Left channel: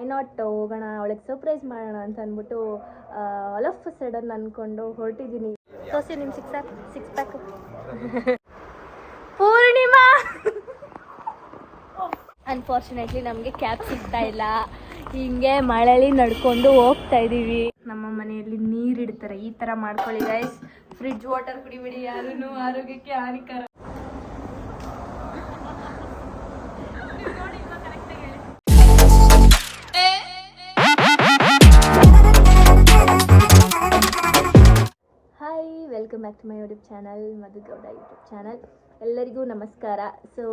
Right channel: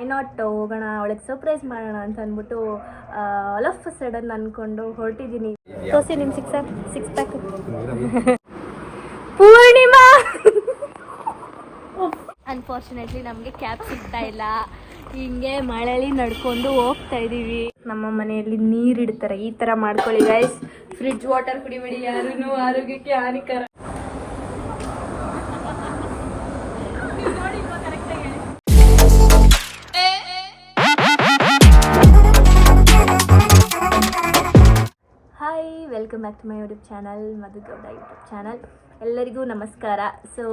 Why not ಹೋಗೋಣ ಅವಳಿಗೆ surprise ಮಾಡೋಣ ಅಂತ ಅಂದ್ಬಿಟ್ಟು ಆಲ್ ಆಫ್ ಸಡನ್ ಅಂದ್ಕೊಂಡು ಹೊರಟಿದ್ದೀನಿ. ತೋರಿಸಿ ನಿಮ್ಮ ಸಿಕ್ಸ್ ಪ್ಯಾಕ್. ಪೂರ್ಣಿಮಾ ಅನ್ಫಾರ್ಚುನೇಟ್ಲಿ ನಮಗೆ ಕ್ಯಾಬ್ ಸಿಗ್ತಾ ಇಲ್ಲ. ಹಿಂಗೆ ಮಳೆಯಲ್ಲಿ ನಡ್ಕೊಂಡು ಹೋಗ್ತಾ ಇದ್ದೀವಿ. ನಮ್ಮ ಮನೆಯಲ್ಲಿ ನೀರಿಡ್ತಾರೆ, ಈ ಥರ ಮಾಡ್ಕೊಳ್ಳಿ ಗೈಸ್. ಫ್ರಿಡ್ಜ್ ವಾಟರ್ ಕುಡಿಬೇಡಿ, ಯಾರೂ ಆರೋಗ್ಯಕ್ಕೆ ಹಾನಿಕರ. Welcome back to my YouTube channel, Madhu Gowda YouTube channel. ಎಲ್ಲರಿಗೂ ನಮಸ್ಕಾರ. ಸೊ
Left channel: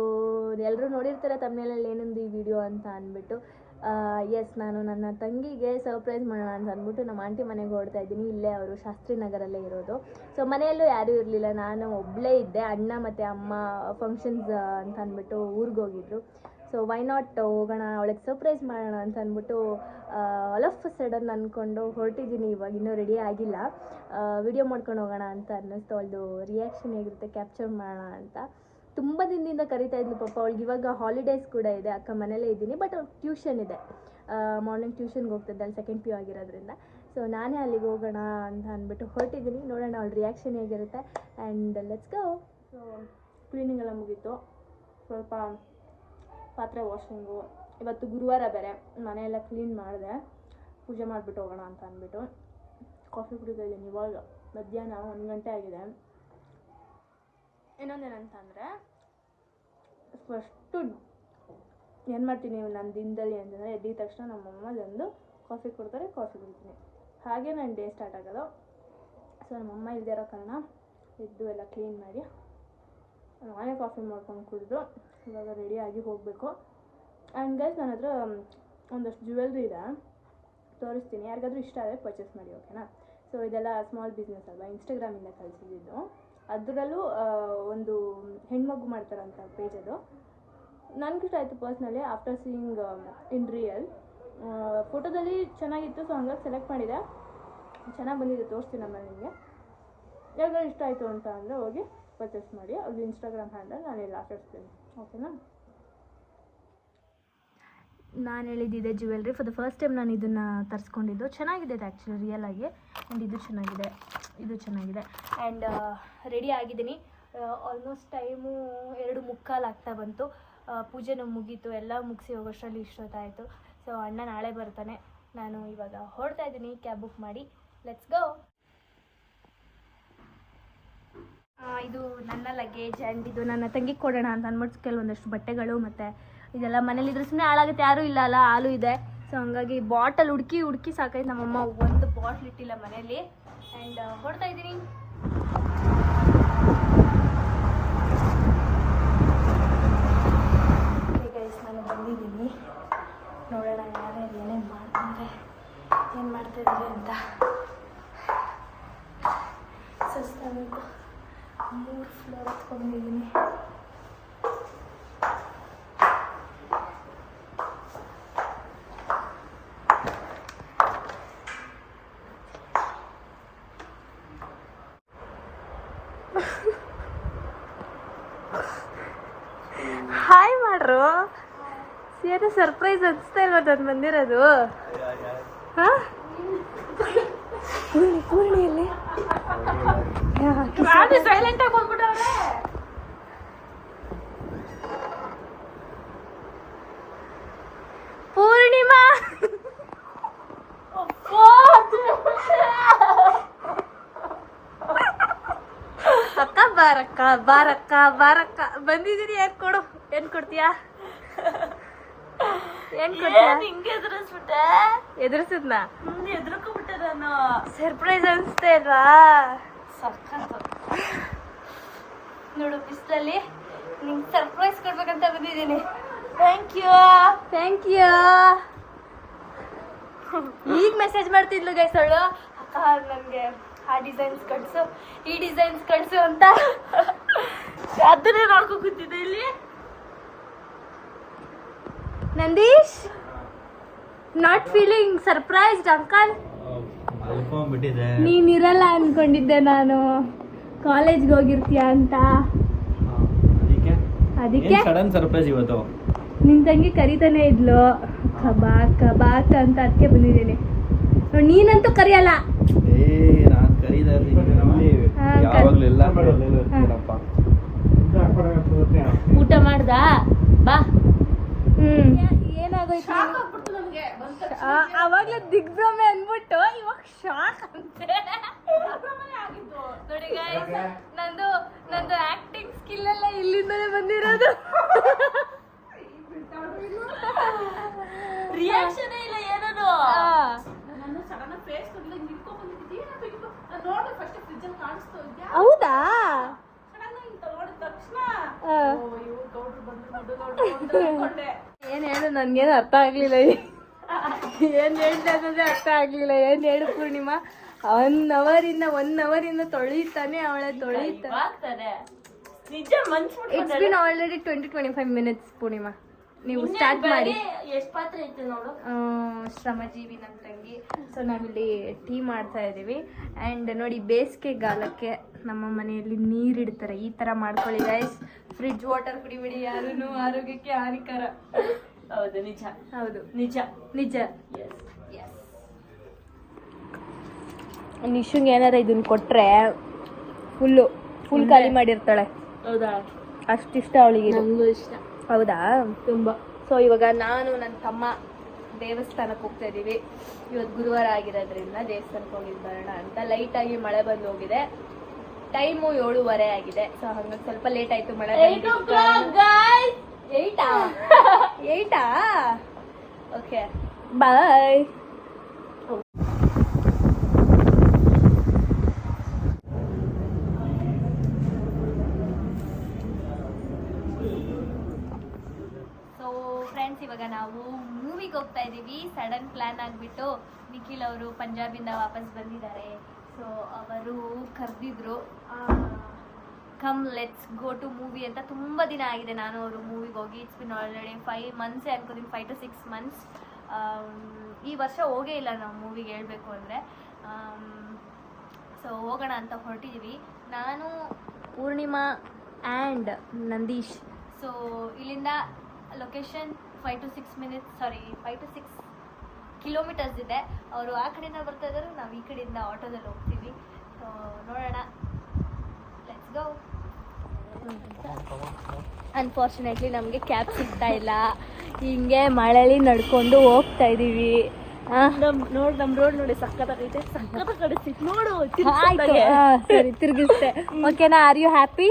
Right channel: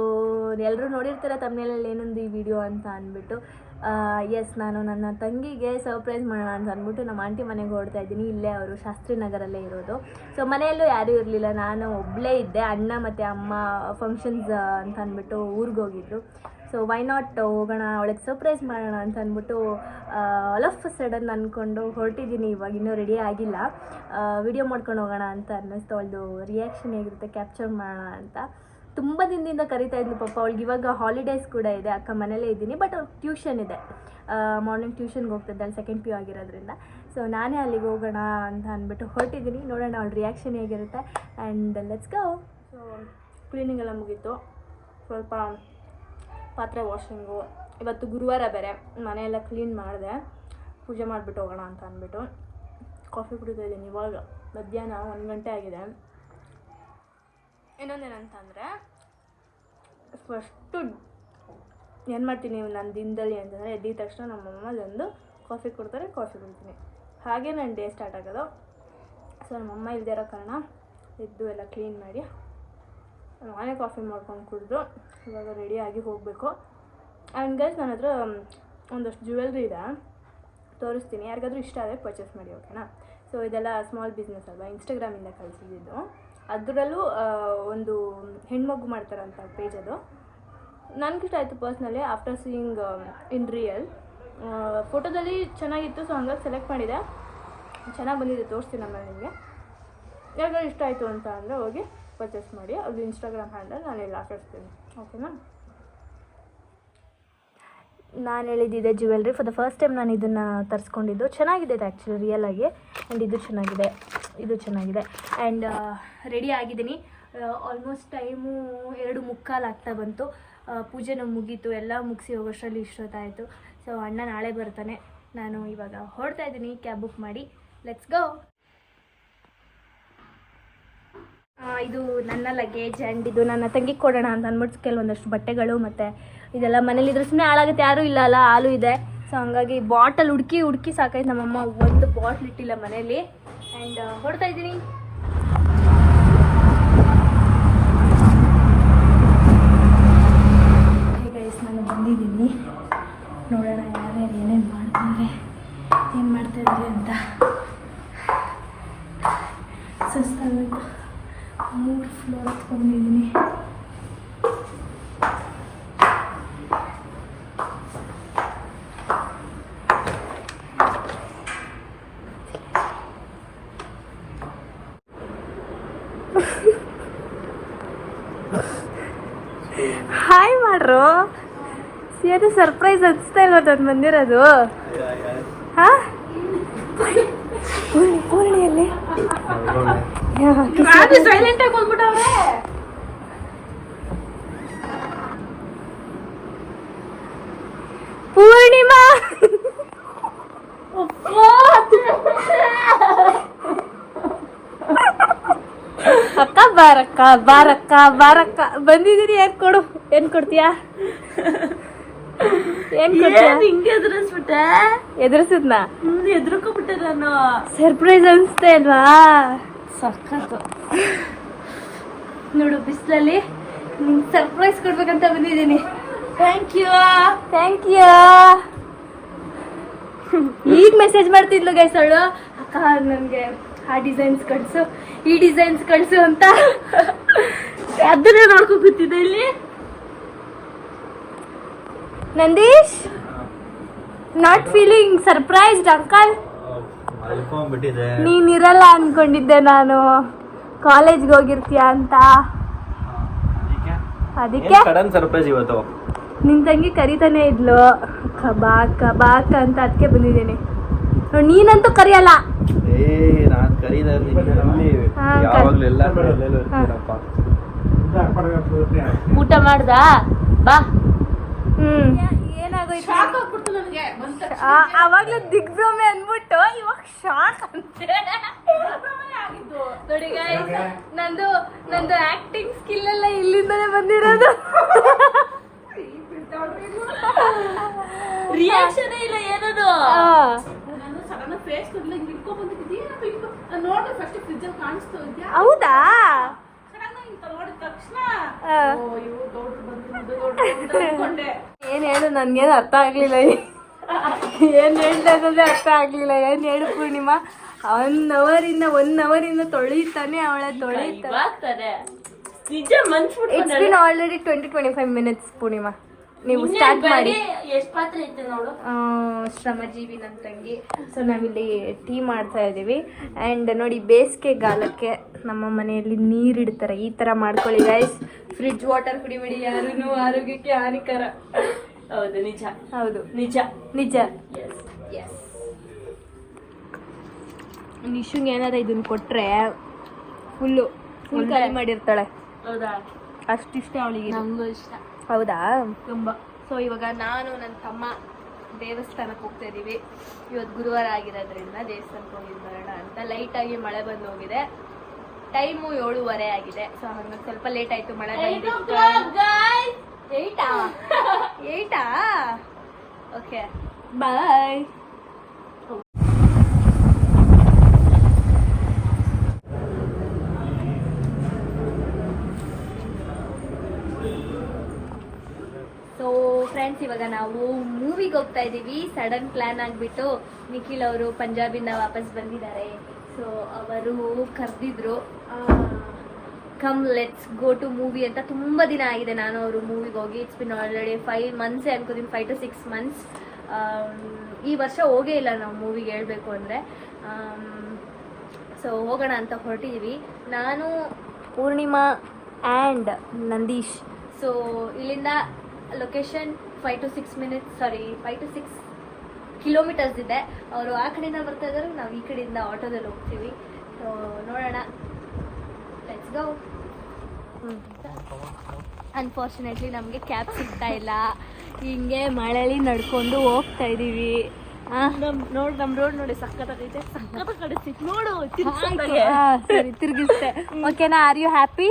ಎಲ್ಲರೂ ನೋಡಿರ್ತಾರೆ ತಮ್ಮನೇಲಿ ಏನೊಂದು ಈ ವಿಡಿಯೋ ಅಂತ ಅಂದ್ಬಿಟ್ಟು. ಎಸ್, ನಾನು ನನ್ನ ತಂಗಿಗೆ ಸರ್ಪ್ರೈಸ್ ಮಾಡೋಣ ಅಂತ ಅಂದ್ಬಿಟ್ಟು ನಮ್ಮ ಆಂಟಿ ಮನೆಗೆ ಹೊರಡ್ತಾ ಇದ್ದೀನಿ. ಇಲ್ಲೇ ಅವರು ಶಾಸ್ತ್ರಿ ನಗರಲ್ಲೇ ಇರೋದು. ಸೊ ಮನೆಯಲ್ಲೂ ಯಾರೂ ಇರಲಿಲ್ಲ, ನಾನು ಒಬ್ಬಳೇ ಇದ್ದೆ. ಅಣ್ಣ ಮತ್ತು ಅಮ್ಮ ಫಂಕ್ಷನ್ಸ್ ಅಂತ ಅಂದ್ಬಿಟ್ಟು ಊರಿಗೆ ಹೋಗಿದ್ರು. ಸೊ ವೈ ನಾಟ್ ಹೋಗೋಣ ಅವಳಿಗೆ ಸರ್ಪ್ರೈಸ್ ಮಾಡೋಣ ಅಂತ ಅಂದ್ಬಿಟ್ಟು ಆಲ್ ಆಫ್ ಸಡನ್ ಅಂದ್ಕೊಂಡು ಹೊರಟಿದ್ದೀನಿ. ಇವಾಗ ಇನ್ನೂ ರೆಡಿ ಆಗಿಲ್ಲ. ವಿಡಿಯೋ ಮಾಡ್ಕೊಂಡು ಹೋಗೋಣ ಅಂತ ಅನ್ನಿಸ್ತು. ಅವಳದು ರಿಯಾಕ್ಷನ್ ಹೇಗಿರುತ್ತೆ ಕ್ಯಾಪ್ಚರ್ ಮಾಡೋಣ ಅಂತ. ತುಂಬ ದಿನದಿಂದ ಕರಿತಾ ಇದ್ಲು ಪಾಪ. ಅವಳಿಗೆ ಇವಾಗ ಹಾಲಿಡೇಸ್ ಕೂಡ ಇದೆ. ಅಕ್ಕ ಮನೇಲೇ ಇದ್ದೀನಿ, ಬಟ್ ಅವ್ಳಿಗೆ ಟ್ಯೂಷನ್ ಇದೆ. ಮಾರ್ನಿಂಗ್ ಟ್ಯೂಷನ್ಗೆ ಹೋಗ್ತಿದ್ದಾಳೆ, ಸೆಕೆಂಡ್ PU ಆಗಿರೋದ್ರಿಂದ. ಸೊ ನಾನೇ ಅಲ್ಲಿಗೆ ಹೋಗೋಣ ಅಂತ ಅಂದ್ಬಿಟ್ಟು ಹೊರಟಿದ್ದೀನಿ. ನೋಡೋಣ ಅವಳ ರಿಯಾಕ್ಷನ್ ಹೇಗಿರುತ್ತೆ. And let's go. So cleaning ಎಲ್ಲ ಮುಗೀತು. ಸ್ವಲ್ಪ ಪಾತ್ರೆ ವಾಷಿಂಗು. ಇವತ್ತು ಗುರುವಾರ ಬೇರೆ, ಮನೆಯೆಲ್ಲ ಕ್ಲೀನ್ ಮಾಡಿದೆ. ಪೂಜೆ ಮಾಡಿಬಿಟ್ಟು ಹೋಗೋಣ ಅಂತ ಅಂದ್ಬಿಟ್ಟು ಕಾಫಿ ಕುಡಿತಾ ಇದ್ದೀನಿ. ಇವಾಗ ಮಧ್ಯಾಹ್ನ 1 ಗಂಟೆ ಆಗಿದೆ. ಇನ್ನೊಂದೇನಂತಂದರೆ, ಫಸ್ಟು ಏನು ಮಾಡ್ತೀನಿ ನನ್ನ ದಿನದಲ್ಲಿ ಅಂತಂದರೆ, ಎದ್ದಿದ ತಕ್ಷಣ ನಮ್ಮಮ್ಮ ಒಂದು ಕಾಫಿ ಕೊಡ್ತಾರೆ, ಕಾಫಿ ಕುಡಿತೀನಿ. ಹಾಗೆ ನನ್ನ ಡೇ ಸ್ಟಾರ್ಟ್ ಆಗೋದು. ಸೊ ನಮ್ಮಮ್ಮ ಇಲ್ಲದೇ ಇರೋ ಕಾರಣ ಎದ್ದು ಎಲ್ಲ ಕ್ಲೀನ್ ಮಾಡಿ ನಾನೇ ಕಾಫಿ ಮಾಡ್ಕೊಂಡು ಕುಡಿದು ಇವಾಗ ರೆಡಿಯಾಗಿ ಹೋಗಬೇಕು. ಆ್ಯಂಡ್ ಗೈಸ್, ನನ್ನ ಹತ್ರ ಒಂದಷ್ಟು ಜ್ಯುವೆಲ್ರಿ ಇದೆ, ತೋರಿಸ್ತೀನಿ. ಯಾರಿಗಾದ್ರೂ ಇಷ್ಟ ಆದರೆ ಪರ್ಚೇಸ್ ಮಾಡಿ, ಓಕೆನಾ? ಸೊ ಇದೆಲ್ಲ ಸ್ಮಾಲ್ ಬಿಸ್ನೆಸ್ ಅಲ್ವಾ, ಇನ್ಸ್ಟಾಗ್ರಾಮಿಂದ ಕಳಿಸಿದ್ದು. ಅದರಲ್ಲೂ ಒಂದು ಹೆಣ್ಮಗು ಮಾಡ್ತಾರಂತ ಪೇಜ್ ಅದು. ನನಗಿಷ್ಟ ಆಯಿತು personally, after seeing in real. ಫೋಟೋದಲ್ಲಿ ಚೆನ್ನಾಗಿತ್ತು, ಸೊ ಹಂಗಾಗಿ ಸೆಲೆಕ್ಟ್ ಮಾಡಿದೆ. ಚೆನ್ನಾಗಿ ಬಂದಿದೆ, ತೋರಿಸ್ತೀನಿ ನಮ್ಮ ನಿಮಗೆ. ಯಾರಿಗಾದ್ರೂ ಇಷ್ಟ ಆಯಿತು ಅಂತ ಅಂದರೆ ಹೋಗಿ ಪರ್ಚೇಸ್ ಮಾಡಿ. ಅದು ಇನ್ಸ್ಟಾಗ್ರಾಮ್ ಹ್ಯಾಂಡಲ್ ನಾನು ಎಲ್ಲ ಹಾಕಿರ್ತೀನಿ, ಓಕೆನಾ? ನಾನು ಹೇಳಿದ್ದಿದೆ jewellery. For the first time ನಾನು ಇದನ್ನು ತರಿಸ್ಕೊಂಡಿದ್ದು. ಚೆನ್ನಾಗಿದೆ ಇದು ಆ್ಯಕ್ಚುಲಿ ರಿಯಲ್ ಆಗಿ. ಆ್ಯಂಡ್ ಇದು ಚೆನ್ನಾಗಿದೆ, ಇದು ಚೆನ್ನಾಗಿದೆ. ಆ್ಯಂಡ್ ರೆಡಿ ಆಗಿದ್ದೀನಿ. ಆಲ್ಮೋಸ್ಟ್ ಟೈಮು 2:45 ಆಗ್ತಾ ಬಂತು. ಪೂಜೆನೂ ಮುಗೀತು, ಎಲ್ಲ ಮುಗಿಸಿ ಹೋಗೋಷ್ಟರಲ್ಲಿ ಇಷ್ಟೊತ್ತಾಯಿತು. ಸೊ ಅಣ್ಣ ನಾಳೆ ಬರ್ತಾನೆ. ನಾನು ಇವಾಗ ಹೊರಡ್ತಾ ಇದ್ದೀನಿ ಕ್ಯಾಬ್ ಬುಕ್ ಮಾಡಿ. Let's go. ಇದು ನನ್ನ ಲಗೇಜ್. ಆ್ಯಂಡ್ ಇದು ನನ್ನ ತಂಗಿಗೆ ಕೊಡೋಣ ಅಂತ ಅಂದ್ಬಿಟ್ಟು ಕೆಲವೊಂದಷ್ಟು ಬಟ್ಟೆಗಳು ಮತ್ತು ಇದೆಲ್ಲ ಮನೇಲಿದ್ರೆ ಸುಮ್ಮನೆ ಹಾಳಾಗುತ್ತೆ, ಯಾರೂ ಇಲ್ಲ ಅಲ್ಲ, ಹಾಲು ಇದೆ. ಸೊ ಹಂಗಾಗಿ ಬಾಟಲ್ ಹುಡುಕಿ ಸಾಕಾಯ್ತು. ನಮ್ಮಮ್ಮ ಒಂದು ಬಾಟ್ಲ್ ಇಟ್ಟಿಲ್ಲ ಮನೇಲಿ. ಆ್ಯಂಡ್ ಹೊರಡ್ತಾ ಇದ್ದೀನಿ. ಗೈಸ್, ನಾನು ಬಂದಿದ್ದೀನಿ. ನೋಡೋಣ ಯಾರ್ಯಾರು ಏನೇನು ಮಾಡ್ತಾರೆ, ಏನು ಮಾಡ್ತಾಯಿದ್ರಿ ಅಂತ. ಸುಸ್ತಾಗಬೇಕು. 3 ಫ್ಲೋರ್ ಹತ್ಕೊಂಡಿದ್ದೀನಿ. ಹಾಯ್ ಮಾಡ್ರು. ಏನು ಸರ್ಪ್ರೈಸ್ ಅನಿಸ್ತಾ ಇಲ್ಲ ನಾನು ಬಂದಿರೋದು. ಹಾಂ, ಸೈಲೆಂಟ್ ಆಗಿ ಬಂದ್ಬಿಟ್ಟವ್ರೆ. ಪೂರ್ಣಿಮಾ ಅಕ್ಕ ಬಾರಕ್ಕ ಬಂದಿದ್ದೀರಿ. ಏನ್ ಕೊಡ್ತೀಯಾ? ಹಿಂಗೆ ಎದುರಿಸ್ಬಿಟ್ಟೆ. ಎದುರಿಸಿದ್ನ? ಎದುರ್ಕೊಬಿಟ್ಟೆ ನಾನು. ಸರ್ಪ್ರೈಸ್ ಅನಿಸ್ತಾ ಇಲ್ವಾ? ಸಖತ್ತು. ನೋಡು, ಬಿಸಿಲಲ್ಲಿ ನಿಂಗೆ ಸರ್ಪ್ರೈಸ್ ಕೊಡ್ಬೇಕಂತ ಬಂದಿದ್ದೀನಿ. Thank you. ಈಗ ಮೆಸೇಜ್ ಮಾಡ್ತಿದ್ಲು ಗೈಸ್ ಅವಳು, ಅಕ್ಕ ನನಗೆ ಆ ಡಿಸೈನ್ಸ್ ಕಳಿಸು, ಈ ಡಿಸೈನ್ಸ್ ಕಳಿಸು ಅಂತ. ಅದನ್ನೇ ನೋಡ್ಕೊಂಡು ಕೂತಿದ್ದೆ ಇಲ್ಲಿ. Nandish, not feeling surprised uncle? ನೀನಿರಲ್ಲ ಅನ್ಕೊಂಡಿದ್ದೆ ನಾನು, ಕಾಲೇಜ್ಗೆ ಹೋಗಿರ್ತೀಯ ಅಂತ. ಅದಕ್ಕೆ ಸಡನ್ ಸರ್ಪ್ರೈಸ್ ಇವತ್ತು. ನಿನ್ ತಂಗಿ ಕರಿತಾನೆ ಇದ್ಲು. ಬಾಕ ಅಂತ ಅದಕ್ಕೆ ಬಂದಿದ್ದೇನೆ ನೋಡಿ. ನೀನಂತೂ ಕರಿಯಲ್ಲ. ನಾನು ಕರೀದ ಯಾವಾಗಲೂ ಎಲ್ಲ ಇರ್ತೀನಪ್ಪ. ಊಟ ಮಾಡ್ದ ಬಾ. ಏನಾಗೋಯ್ತು ಅವಾಗ್ಲೂ ದಿಗ್ಭ್ರಮೆ ಅಂದ್ಬಿಟ್ಟು ಇವಾಗ ಶಾಕ್ ಅಂತೆ ನೋಡಿ ಗೈಸ್. ನಂದು ಆಕ್ಟಿಂಗ್ ಸ್ಕಿಲ್ ಎಲ್ಲ ಇಲ್ಲಿಂದಲೇ ಬಂದಿರೋದು. ರಿಯಾಕ್ಷನ್ ಇಲ್ಲ ಏನದು. ಹೌದಾ ಏನ್ ಹೇಳು, ನನ್ಗೇನು ಅರ್ಥ ಆಗ್ಲಿಲ್ಲ. ಏನ್ ಹೇಳ್ತಾ ಇರೋದೇ ಅರ್ಥ ಆಗ್ಲಿಲ್ಲ. ಏನ್ ಹೇಳು ಪೂರ್ಣಿಮಾ. 1 ಅವರಿಂದ ತೊಳಿತಾನೆ ಅವಳೆ ತೊಳಿತಾನೆ. Already 20-25 minutes Purnima. ನೀವು ಸ್ಟಾರ್ಟ್ ಮಾಡಿ. ಎಷ್ಟು ಪಾತ್ರೆ ಐತೆ ನೋಡು. ಶ್ರಮಜೀವಿ ನನ್ನ ತಂಗಿ. ಸೊ ನಾವಿಲ್ಲಿ ಟೀ ಮಾಡ್ತಾ ಇದ್ದೀವಿ. ಆ್ಯಂಡ್ ನೋಡಿ ಬೇಸಿಗೆಗಾಲಕ್ಕೆ ನಮ್ಮ ಮನೆಯಲ್ಲಿ ನೀರಿಡ್ತಾರೆ. ಈ ಥರ ಮಾಡ್ಕೊಳ್ಳಿ ಗೈಸ್. ಫ್ರಿಡ್ಜ್ ವಾಟರ್ ಕುಡಿಬೇಡಿ ಯಾರೂ, ಆರೋಗ್ಯಕ್ಕೆ ಹಾನಿಕರ. ಹೌದು ನಿಜ. ಹೌದು ನಿಜ ನಿಜ. ಎಸ್ ನಿಶುಂಗ್ ಏನಾರ ಇದನ್ನ ಕೊಟ್ರೆ ಫುಲ್ ಖಾಲಿ ಮಾಡಿರ್ತಾಳೆ. ಹೌದಾ? ಅಷ್ಟಿಷ್ಟ ಅವಳಿಗೆ. ಇಷ್ಟ. ಹೌದಾ? ತುಂಬ. ಸೊ ಇವಾಗ ನಾನು ನನ್ನ ತಮ್ಮ ದೇವಸ್ಥಾನಕ್ಕೆ ಹೋಗ್ತಾ ಇದ್ದೀವಿ. ಇವತ್ತು ಗುರುವಾರ ಆಗಿರೋದ್ರಿಂದ ದೇವಸ್ಥಾನಕ್ಕೆ ಹೋಗಿದ್ದು ಬರೋಣ ಅಂತ. ಲೈಟಾಗಿ ಮಳೆ ಬಂದು ಹೋಗಿದೆ. ಟೈಮು 7:30 ಆಗಿದೆ. ಸೊ ಹಂಗಾಗಿ ಸ್ವಲ್ಪ ಲೇಟ್ ಆಯಿತು ಮಳೆ ಬಂದಿದ್ದು. ಏಯ್ಟಾ? Okay bye. ಸೊ ಫ್ರೆಂಡ್ಸ್ ಇವಾಗ ನಾವು ಮೂವಿಗೆ ಹೋಗ್ತಾ ಇದ್ದೀವಿ. ಸಡನ್ ಪ್ಲ್ಯಾನ್ ಆಗಿಬಿಟ್ಟು ನಿಖಿಲ್ ಅವರು ಪಂಜಾಬಿಂದ ವಾಪಸ್ ಬಂದಿದ್ದಾರೆ. ಸೊ ಅವರು ಕರೆದಿದ್ರು, come let's go to movie ಅಂತ. ತುಂಬ ದಿನ ಆಗಿದೆ ನಾನು ಅವರು ಮೂವಿಗೆ ಹೋಗಿ. ಇಟ್ಸ್ ಬಿನ್ ಆಲ್ರೆಡಿ 5 ಮಂತ್ಸೇ ಅನ್ಕೋತೀನಿ, 5 to 6 ಮಂತ್ಸ್. ಈ ವರ್ಷ ಹೋಗೇ ಇಲ್ಲ ನಾವು ಮೂವಿಗೆ ಹೇಳಬೇಕು ಅಂದರೆ. ಸೊ ಹೋಗೋಣ ಅಂತ ಹೊರಟಿದ್ದೀವಿ ನಾನು, ಪೂರ್ಣಿಮಾ ಆ್ಯಂಡ್ ನಂದೀಶ್. ಸೊ ಇಲ್ಲಿಂದ ಲೊಕೇಶನ್ 5 to 6 ಕಿಲೋಮೀಟರ್ಸ್ ಇದೆ. ಅವರು ಆ ಕಡೆಯಿಂದ ಬರ್ತಾ ಇದ್ದಾರೆ, ನಾವು ಈ ಕಡೆಯಿಂದ ಆಟೋದಲ್ಲಿ ಹೋಗ್ತೀವಿ. ಸೊ ನೋಡೋಣ, ಲೆಟ್ಸ್ ಗೋ. ಅನ್ಫಾರ್ಚುನೇಟ್ಲಿ ನಮಗೆ ಕ್ಯಾಬ್ ಸಿಗ್ತಾ ಇಲ್ಲ. ಹಿಂಗೆ ಮಳೆಯಲ್ಲಿ ನಡ್ಕೊಂಡು ಹೋಗ್ತಾ ಇದ್ದೀವಿ. ನೋಡು ನಮ್ಮ ರೋಡ್ ನೋಡಿ ಸಕ್ಕತ್ತಾಗೈತೆ. ನೋಡು ಸರಿ ತಿರುಗಿಸ್ತೆ. ಓಕೆನಾ? Are you happy?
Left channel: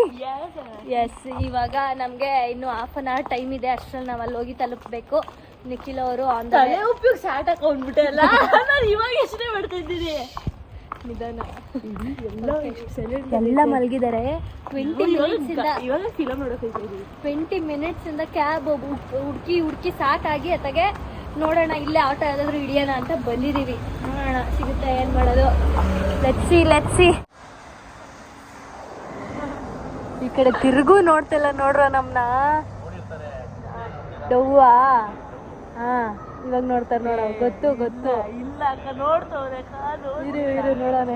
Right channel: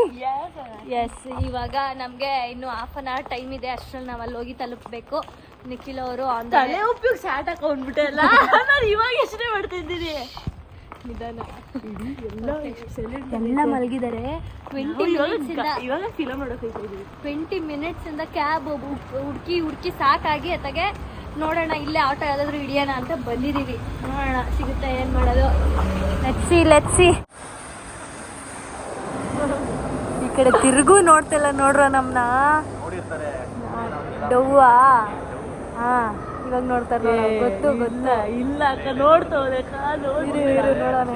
ಎಸ್. ಇವಾಗ ನಮಗೆ ಇನ್ನು 1/2 hour ಟೈಮ್ ಇದೆ. ಅಷ್ಟರಲ್ಲಿ ನಾವು ಅಲ್ಲಿ ಹೋಗಿ ತಲುಪಬೇಕು. ನಿಖಿಲ್ ಅವರು ತಲೆ ಉಪ್ಪಿಗೆ ಸ್ಟಾರ್ಟ್ ಹಾಕೊಂಡ್ಬಿಟ್ಟೆಲ್ಲ. ನಾನು ಇವಾಗ ಎಷ್ಟೇ ಮಾಡ್ತಾ ಇದ್ದೀನಿ. ನಿಧಾನ. ಎಲ್ಲ ಮಲಗಿದ್ದಾರೆ. 20 ಮಿನಿಟ್ಸ್ ಇಂದ ಕ್ಯಾಬ್ ಹುಡುಕಿ ಸಾಕಾಗಿ ಅತ್ತಗೆ ನೋಡೋಣ ಇಲ್ಲೇ ಆಟೋ ಯಾವ್ದಾದ್ರು ಹಿಡಿಯೋಣ ಅಂತ ಬಂದಿದೀವಿ. ನೋಡೋಣ ಸಿಗುತ್ತೆ, ಏನ್ ಮಾಡೋದು. Let's see. ಈ ಕಡೆ ತಿರುಗು ನೋಡ್ತಿಲ್ಲ ನೋಡ್ರ ನಮ್ನ. ಡವ್ವಾ? ಹಾ ಇವಾಗ ನೋಡ್ತಾರೆ ನೋಡ. ಗೊತ್ತು ಇಲ್ಲ ಅಕ್ಕ ನೋಡ್ತವ್ರೆ. ನೋಡೋಣ.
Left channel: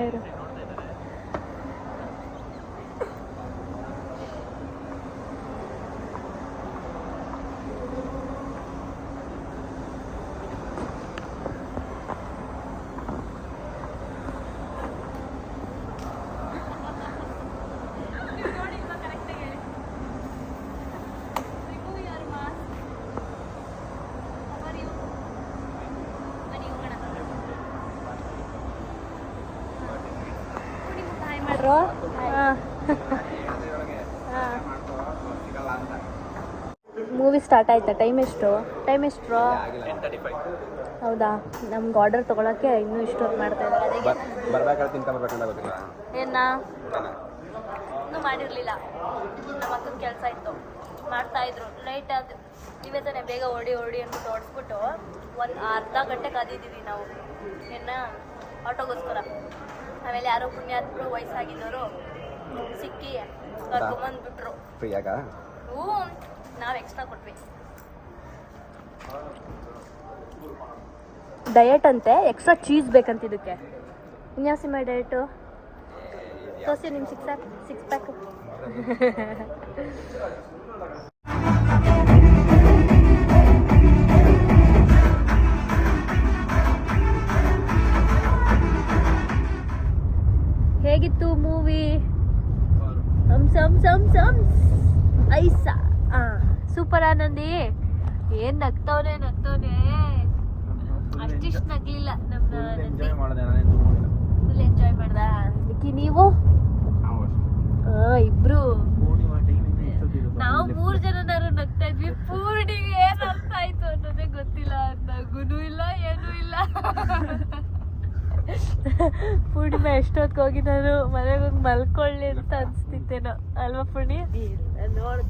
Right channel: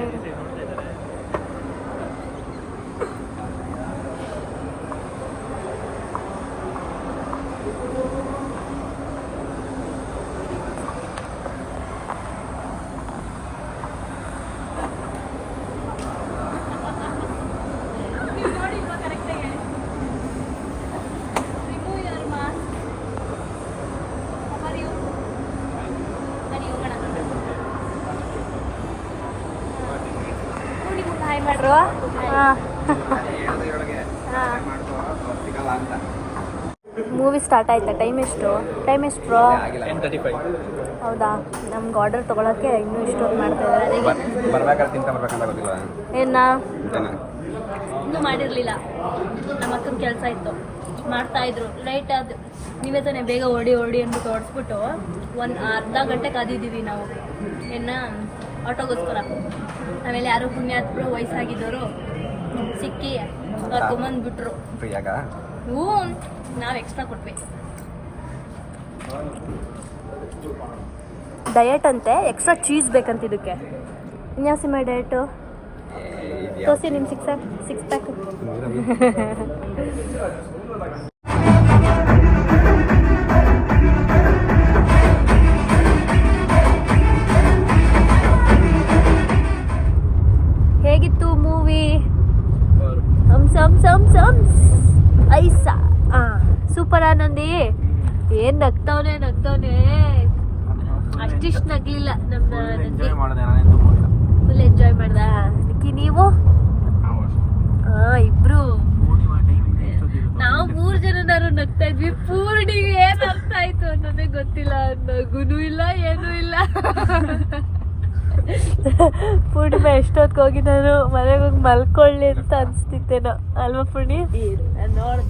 ಮೂವಿ ಸ್ಟಾರ್ಟ್ ಆಯ್ತಾ? ಟೈಮ್ ಎಷ್ಟು? 10:35. ಹೌದಾ? ನಮ್ಗೆ ಆರ್ಡರ್ ತೊಗೊಳಕ್ಕೆ ಇನ್ನೂ ಇಷ್ಟೊಂದು ಮಾಡ್ತಾ ಇದ್ದಾರೆ. ಏನ ಇನ್ನೂ ಮಾಡಿರಲಿಲ್ಲ. ನಮ್ಮ ಅಕ್ಕನ ಕೆಲಸ ಇತ್ತು, ಮಾಡ್ತಾಯಿದ್ರು. ಲೈಟ್ ಅದು ನೀವೇ ತಾನೇ ಬೇಗ ಓಡಿ ಅಂದ್ಬಿಟ್ಟು ಓಡಿಸ್ಬಿಟ್ಟು 1-1/2 ಗಂಟೆ ಕಾದಿದ್ದೀವಿ ನಾವು ಆಟೋಗೋಸ್ಕರ. ಆಮೇಲೆ ಯಾರೋ ಪುಣ್ಯಾತ್ಮರು ವಯಸ್ಸಾಗಿದ್ದವರು ಸಿಕ್ಕಿ ಕರ್ಕೊಂಬಂದ್ಬಿಟ್ರು. ಹ್ಞೂ, ನಾವು ಎಕ್ಸ್ಟ್ರಾ ಕೊಟ್ವಿ. ಡಯಟ್ ಅಂತೆ, ಎಕ್ಸ್ಟ್ರಾ ಚೀಸ್ ಬೇಕಂತ ಇದಕ್ಕೆ. ಇನ್ಯಾವ ಸಿನಿಮಾ ಡಯಟು? ತೋರಿಸಿ ನಿಮ್ಮ ಸಿಕ್ಸ್ ಪ್ಯಾಕ್. ಇಷ್ಟಿಷ್ಟು ನಗ್ಲಿಲ್ಲ ನಮ್ಮ ಎಂಜಾಯ್ ಮಾಡಿದೆ ನಾನೇ ತುಂಬ ಫುಲ್ ಎಂಜಾಯ್ ಮಾಡ್ದ ನೀವು ಇಬ್ರು ನಾವು 3 ಜನನಾರು ನಗ್ತಾ ಇದ್ವಿ. ಪೂರ್ಣಿಗೆ ಏನ್ ಅರ್ಥ ಆಯ್ತು ಅನ್ನೋದೇ ಗೊತ್ತಿಲ್ಲ, ನಗುನೂ ಇಲ್ಲ ಏನೂ ಇಲ್ಲ. ಪೂರ್ಣಿಮಾ ಎಷ್ಟೊತ್ತಿಗೆ ಹೋಗಿ ನಾನು ಮನೆಗೆ ಹೋಗಿ ಮಲ್ಕೊಳ್ಳಿ ಅಂತ ಅನ್ಸ್ತಿತ್ತೇನೋ ಅಲ್ವಾ ಪೂರ್ಣಿ? ನೋಡು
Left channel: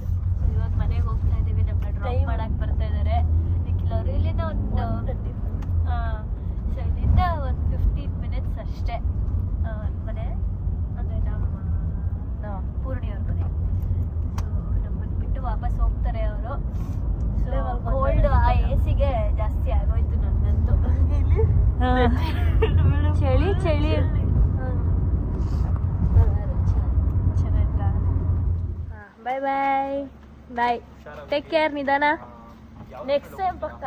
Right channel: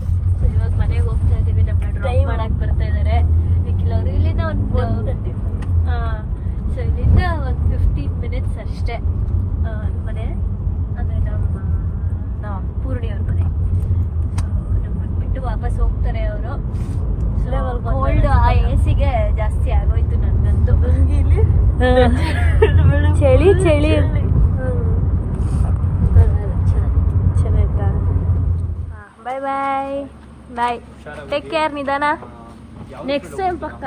ಇವಾಗ ಮನೆಗೆ ಹೋಗ್ತಾ ಇದೀವಿ. ನಮ್ಮ ಡ್ರೈವ್ ಮಾಡಕ್ ಬರ್ತಾ ಇದಾರೆ ನಿಖಿಲವ್ರು. ಇಲ್ಲಿಂದ ಒಂದು ಸೊ ಇಲ್ಲಿಂದ ಒಂದು 15 ಮಿನಿಟ್ಸ್ ಅಷ್ಟೇ ಮನೆ, ಅಂದರೆ ನಮ್ಮ ಪೂರ್ಣಿಯವ್ರ ಮನೆ. ನಮ್ಮನ್ನು ಬಿಟ್ಟು ವಾಪಸ್ ಹೋಗ್ತಾರೆ ಅವರು. ಕೋಲ್ಡ್ ಆ ಎಸಿಗೆ ಜಾಸ್ತಿ ಆಗೋಯ್ತು ನನಗಂತೂ. ಚಳಿ ಚಳಿ ಚೆನ್ನಾಯ್ತಾ? ಬಾಯ್ ಬಾಯ್ ಬಾಯ್, ಟೇಕ್ ಕೇರ್, ನಿಧಾನ. ನೆಕ್ಸ್ಟ್ ಟೈಮ್ ಪಕ್ಕ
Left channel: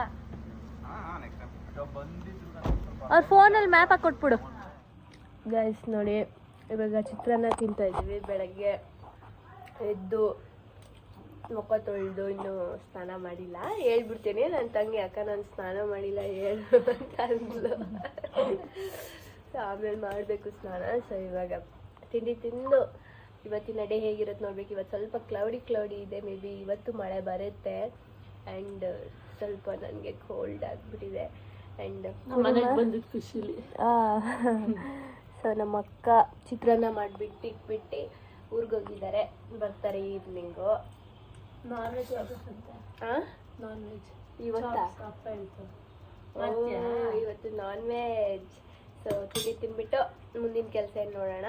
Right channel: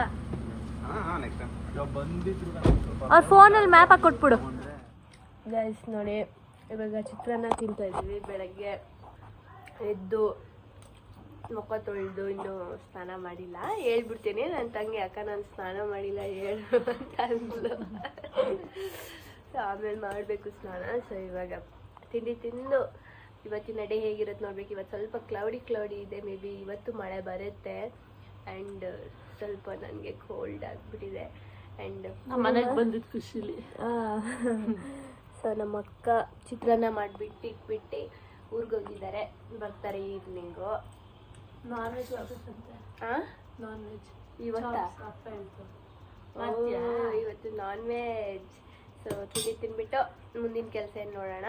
ಅವ್ರ ಫೋನಲ್ಲಿ ಮ್ಯಾಪ್ ಹಾಕಿ ಕೊಟ್ಬಿಡು. ಗೈಸ್ ನೋಡಿ, ಇವಾಗ ಚಿತ್ರಾನ್ನ ತಿಂತಾ ಇದ್ವಿ. ಬೆಳಗ್ಗೆ ಎದ್ದು ಮುಖ ತೊಳೆದು ಇನ್ನೂ ಸ್ನಾನ ಮಾಡಿಲ್ಲ. ಹೇಳ್ಬಿಡ್ತೀನಿ ನನ್ನ ತಂಗಿ, ಅಕ್ಕ ನಾನು ಸ್ನಾನ ಮಾಡಿಲ್ಲ ಹೇಳು ಅಂತ ಅಂದ್ಲು. ಸೊ ಆಮೇಲೆ ಮಾಡಬೇಕು ಸ್ನಾನ. ಸೊ ಇವಾಗ ತಿಂಡಿ ತಿಂದು ಇವತ್ತಿನ ಡೇ ಹೇಗಿರುತ್ತೆ ನೋಡ್ಬೇಕು. ಇವತ್ತು ಸ್ವಲ್ಪ ಕ್ಲೌಡಿ ಇದೆ, ಮೇ ಬಿ ಇವತ್ತು ಮಳೆ ಬರುತ್ತೆ. ಆ್ಯಂಡ್ ಸ್ವಲ್ಪ ನನಗೆ ಕೋಲ್ಡ್ ಆಗಿಬಿಟ್ಟಿದೆ. ಆ್ಯಂಡ್ ಮನೆಗೆ ಬಂದಿದ್ದು ಖುಷಿಲಿ. ಸೊ ನಮ್ಮ ಅಕ್ಕ ಚಿತ್ರಾನ್ನ ಮಾಡಿಬಿಟ್ಟು ಇಟ್ಬಿಟ್ಟು ಊರಿಗೋಗಿದ್ದಾರೆ, ಬರ್ತಾರೆ ಈವ್ನಿಂಗು. Non veg ಇವತ್ತಾ? ಇವತ್ತು ನಾನ್ ವೆಜ್. ಸೊ ತಿಂದ್ಬಿಟ್ಟು ಮುಂದಿನ ಕೆಲಸ ಏನು ನೋಡೋಣ.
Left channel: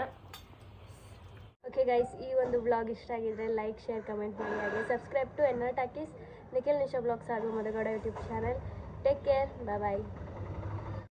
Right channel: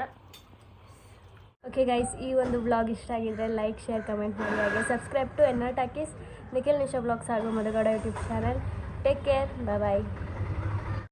ಓಕೆ ಗೈಸ್, ಈ ಒಂದು ವ್ಲಾಗ್ ಇಷ್ಟ ಆಗಿದ್ರೆ ಲೈಕ್, ಶೇರ್, ಕಮೆಂಟ್ ಮಾಡಿ. ಹಾಗೆ subscribe to Ennar talkies, Nikhil Nisha vlogs ಹಾಗೂ Madhu Gowda YouTube channel. Take care, bye ಬಾಯ್.